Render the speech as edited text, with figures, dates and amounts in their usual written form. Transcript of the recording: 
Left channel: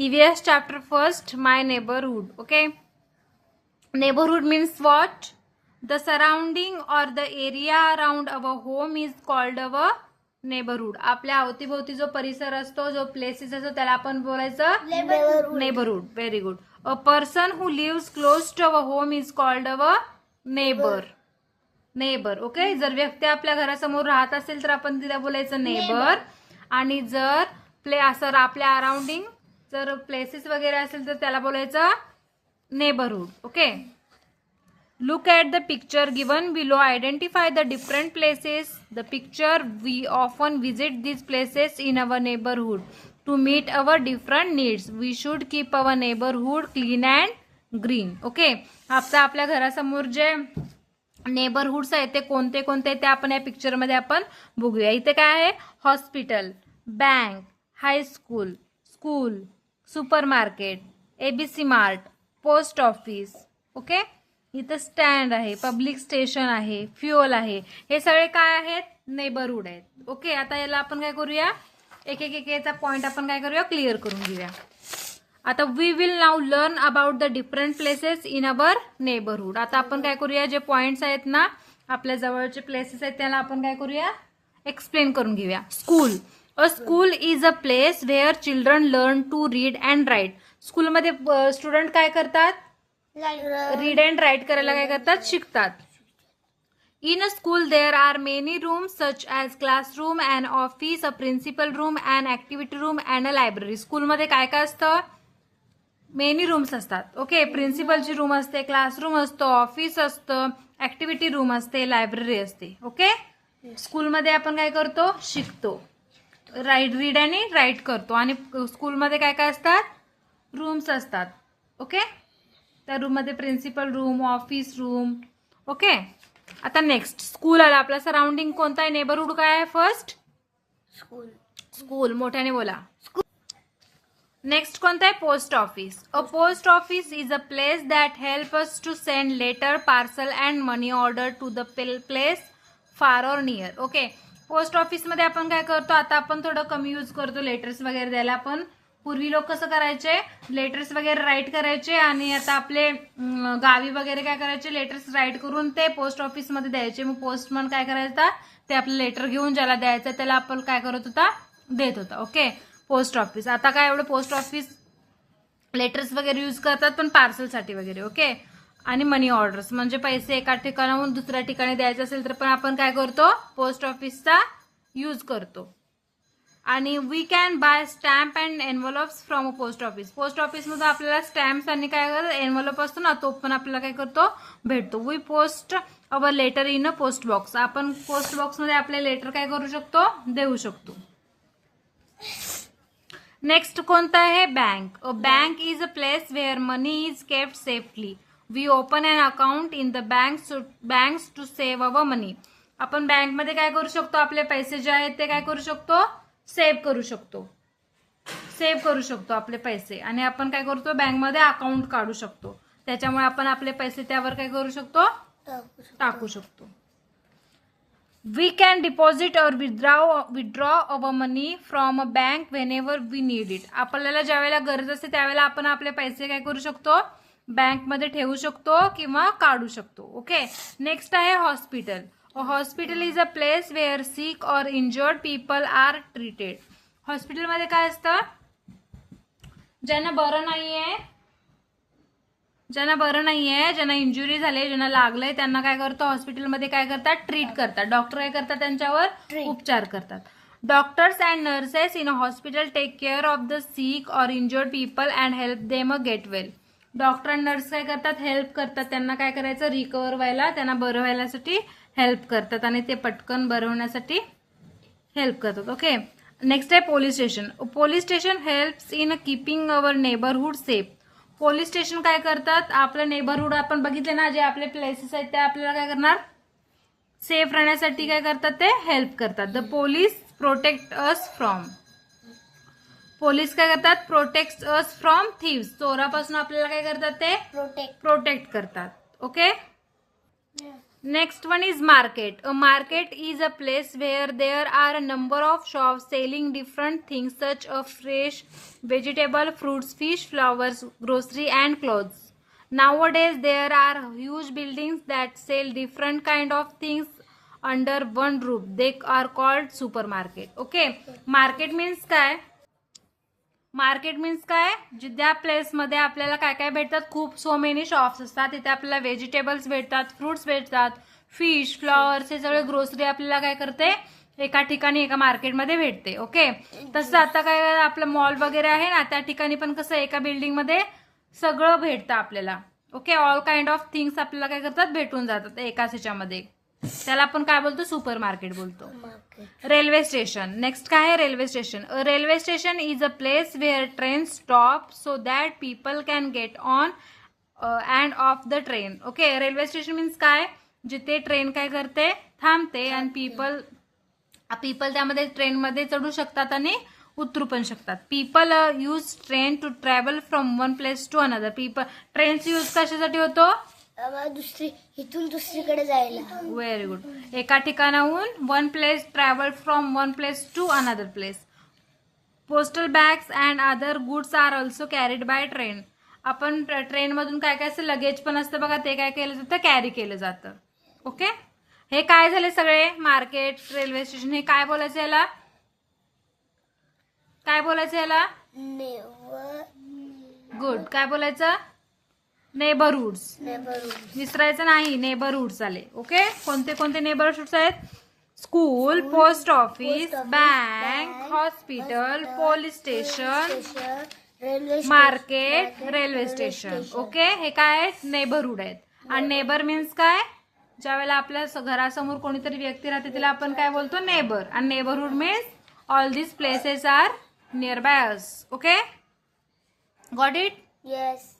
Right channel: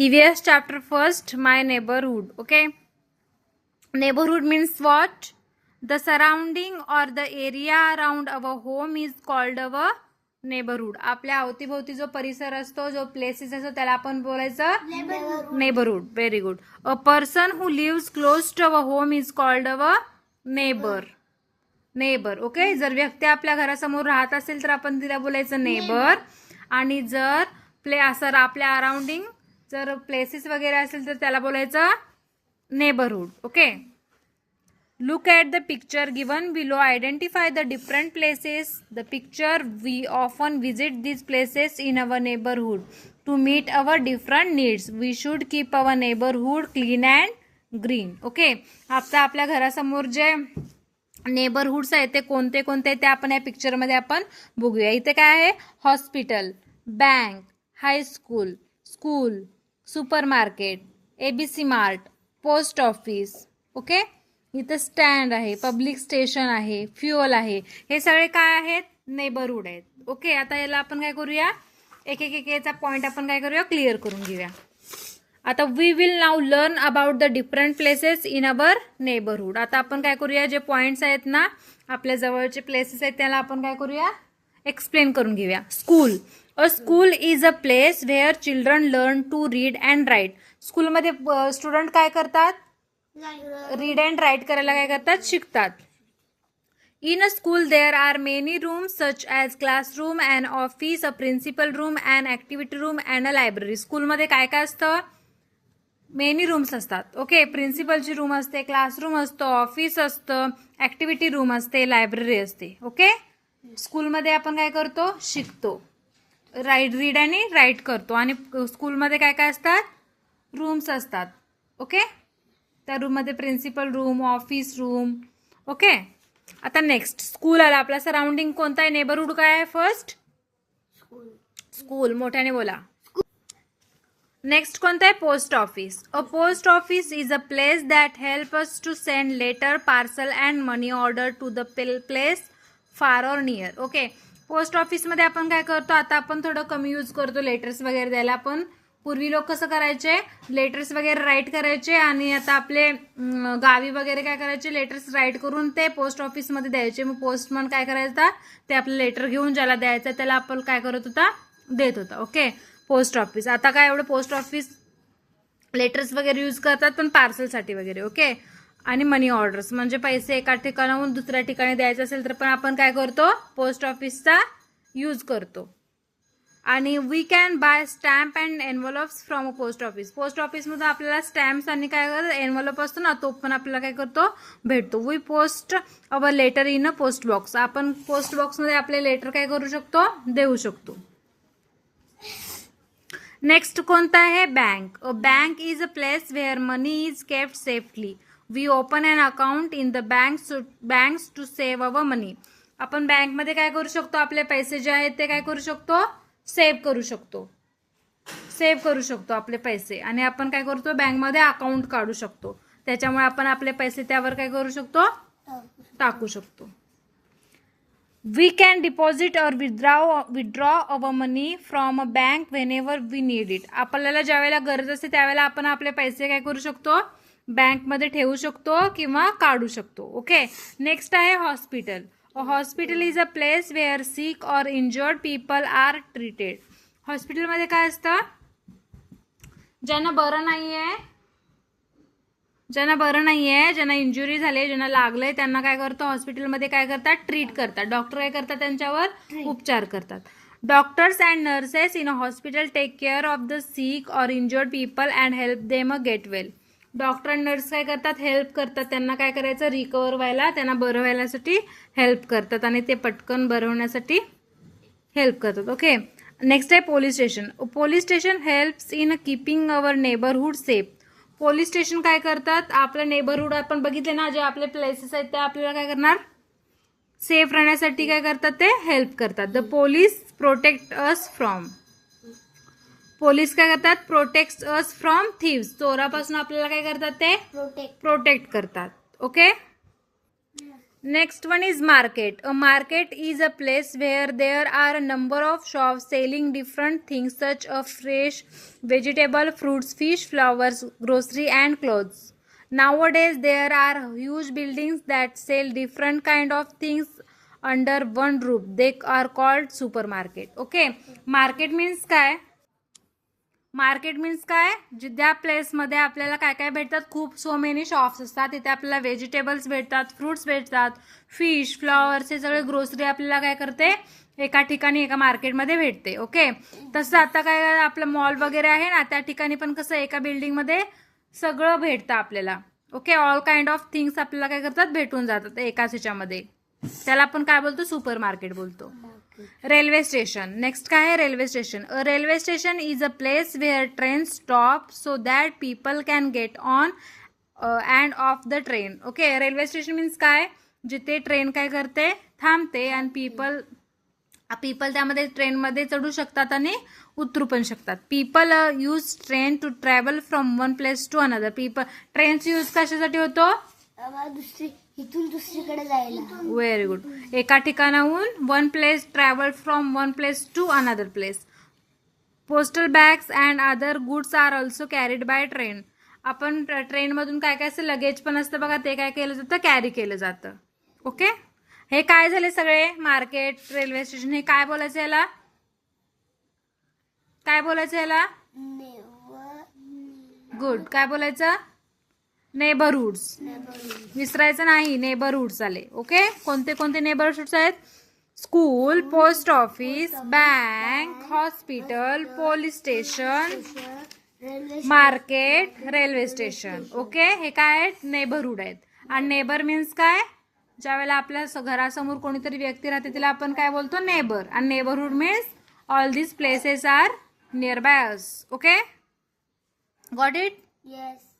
EVS chapter first, my neighborhood. Okay. Neighborhood means what? The surrounding or the area around our home is called our neighborhood. आपल्या अवतीभोवती जो परिसर असतो, जो places असतो, त्याला आपण बोलायचं neighbourhood. Very good. A person who lives close to our home is called our neighbour. Okay. जर व्यक्ती आपल्या घरासमोर राहत असेल तर आपण तिला बोलायचं नेबर. आणि जर असं आपल्या अराउंडिंग जर प्लेसेस वगैरे असेल तर त्याला बोलायचं neighbourhood. Okay. Look at the picture given below. Identify the different places. The picture, we often visit these places in our neighborhood to meet our different needs. We should keep our neighborhood clean and green. Okay. आता आपल्या घरासमोर जे neighbourhoods आहेत ते कोणते कोणते ते आपण या पिक्चरमध्ये आपण बघूया. इथे काय आहे? Hospital, bank, high school, school, super market, ABC mart, post office. Okay. इथं स्टँड आहे, पब्लिक स्टेशन आहे, फ्युअल आहे. हे सगळे काय आहेत? नेबरहुड आहेत. ओके. आता याला आपण काय करूया? एक याचा पॉइंट आपण काय करूया? क्लिअर करून घेऊया. आता we will now learn about the different places in our neighbourhood. आता आपण काय करूया? जे पॉइंट्स आहेत ना, आपल्या जवळचे प्लेसेस आहेत त्याला आपण काय करूया? एक्सप्लेन करून घेऊया. School. A school is a place where children learn to read and write. स्कूलमध्ये स्टुडंट काय करतात? रीड अँड राईट करायला काय करतात? शिकतात. In a school there are many rooms such as classroom, and office, a principal room, and activity room, and a library. स्कूलमध्ये काय काय असतं? मेनी रूम्स असतात. ओके. प्रिन्सिपलची रूम असते, क्लासरूम असतो, ऑफिस असतं, ॲक्टिव्हिटी रूम असते, लायब्ररी असते. ओके. स्कूलमध्ये आपण काय करतो? शिकतो. रीड आणि राईट करतो. आणि स्कूलमध्ये काय काय असतात? रूम्स असतात. ओके. त्या रूममध्ये principal room, office room. Okay. आता नेक्स्ट स्कूल आला. आपला सराउंडिंग कोणता आहे? नेबरहुड काय आहे? First school. मोठ्याने बोला. नेक्स्ट कोणता आहे? Post office. A post office is a place that help us to send letter, parcel and money order to the place far or near. Okay. Post ऑफिसमध्ये आपण काय करतो? आता आपण थोडं कमी यूज करतो लेटर्स वगैरे द्यायला. आपण पूर्वी लोक कसं करायचे? लेटर्स वगैरे राईट करायचे. आणि आता आपले गावी वगैरे काय करायचे? लेटर्स राईट करून ते पोस्ट ऑफिसमध्ये द्यायचे. मग पोस्टमन काय करायचा? ते आपलं लेटर घेऊन ज्याला द्यायचं त्याला आपण काय करत होता? देत होता. ओके. Post office. आता काय एवढं पोस्ट ऑफिस लेटर्स वगैरे यूज करतात पण पार्सलसाठी वगैरे. ओके. आणि मनी ऑर्डर्स म्हणजे पैसे एका ठिकाणाहून दुसऱ्या ठिकाणी द्यायचे असेल तर पण आपण काय करतो? पोस्ट ऑफिसचा यूज करतो. आणि we can buy stamp and envelopes from a post office. Post ऑफिसमध्ये आपल्याला स्टॅम्प्स आणि काय एनव्हलप असतो ना, तो पण आपल्याला काय करतो? भेटतो. We post our letter in a post box. आपण पोस्ट बॉक्समध्ये आपले लेटर काय करू शकतो? देऊ शकतो. नेक्स्ट कोणता आहे? Bank. A bank is a place where money is kept safely. We open an account in the banks to save our money. आपण बँकमध्ये काय करू शकतो? आपले पैसे जे आहेत ते काय करू शकतो? सेव्ह करू शकतो. सेव्ह करू शकतो आपले पैसे. आणि आपण काय करतो? बँकमध्ये अकाउंट काढू शकतो. त्याच्यामुळे आपण आपले पैसे त्यावर काय करू शकतो? टाकू शकतो. We can deposit or withdraw our money from a bank whenever we need it. आपल्याला ज्यावेळेला गरज असते त्यावेळेला आपण आपले पैसे काय करू शकतो? बँकमध्ये ठेवू शकतो किंवा काढू शकतो. ओके. नेक्स्ट आहे hospital. A hospital is a place where sick or injured people are treated. हॉस्पिटलमध्ये काय असतं? ज्यांना बरं नाहीये, ज्यांना इंजुरी झाली, ज्यांना लागलंय त्यांना काय करतं? हॉस्पिटलमध्ये काय करतात? ट्रीट करतात. डॉक्टर काय करतात? त्यांच्यावर उपचार करतात. Doctors and nurses in a hospital take care of the sick or injured people and help them a get well. Doctor आणि नर्स काय करतात? हेल्प करतात. त्यांना काय करायचं? रिकवर व्हायला, त्यांना बरं व्हायसाठी हेल्प करतात आणि ते पटकन बरं होण्यासाठी हेल्प करतात. ओके. नेक्स्ट आहे police station. Police station helps in keeping our neighbourhood safe. Police station काय करतात? आपलं नेबरहुड आपण बघितले ना, जे आपले प्लेसेस आहेत ते आपल्याला काय करणार? सेफ राहण्यासाठी काय करतात? ते हेल्प करतात. The police protect us from. पोलीस काय करतात? Protect us from thieves. चोरापासून आपल्याला काय करतात? ते प्रोटेक्ट करतात. Okay. Next one is market. A market is a place where there are a number of shops selling different things such as fresh vegetable, fruits, fish, flowers, grocery and clothes. Nowadays there are huge buildings that sell different kind of things under one roof. They are called supermarket. Okay. Market means काय? Market means काय, ज्या प्लेसमध्ये आपल्याला काय काय भेटतात, खूप so many shops असतात, तिथे आपल्याला व्हेजिटेबल्स भेटतात, फ्रुट्स भेटतात, फिश, फ्लॉवर्स, हे सगळे ग्रोसरी आपल्याला काय करते, एका ठिकाणी एका मार्केटमध्ये भेटते. ओके. तसं आता काय आपलं मॉल वगैरे आहे ना, त्या ठिकाणी पण कसं एका बिल्डिंगमध्ये सगळं भेटतं आपल्याला. Okay. All kind of things आपल्याला काय करतात, भेटून जातात एकाच ह्याच्यामध्ये. त्याला आपण काय बोलतो, सुपर मार्केट बोलतो. Railway station. नेक्स्ट काय आहे, railway station. A railway station is a place wear train stop so that people can get on and of the train. Okay. Railway station means काय, जिथे ट्रेन काय करते, थांबते आणि people त्यामध्ये ट्रेनमध्ये चढू शकतात आणि उतरू पण शकतात. People use train to travel from one place to another. ट्रेनचा यूज कशासाठी होतो, इथून दुसरीकडे जायला. Very good. एका ठिकाणाहून one place, travel from one place to another place. Postal bags and other goods are also carried by train. आपण ट्रेनमधून काय काय असं लगेज पण असतं बघा, ते काय केलं जातं, कॅरी केलं जातं. ओके. हे काय झाले सगळे, मार्केट, रेल्वे स्टेशन. हे काय बोलायचं याला, काय बोलायचं याला, गुड. काय बोलायचं, नेबरहुड्स. विसरायचं नाही, नेबरहुड्स आले. ओके. कोणते कोणते नेबरहुड्स आहेत, school, post office, bank, hospital, police station, market, railway station. Okay. हे काय आहेत, नेबरहुड आहेत. आणि नेबर मीन्स काय, ज्या वेळेला आपल्या घरासमोर कोणीतरी व्यक्ती राहते तिला आपण काय बोलतो, नेबर. आणि neighbourhood means all these places are near by us. Okay. Got it. Yes.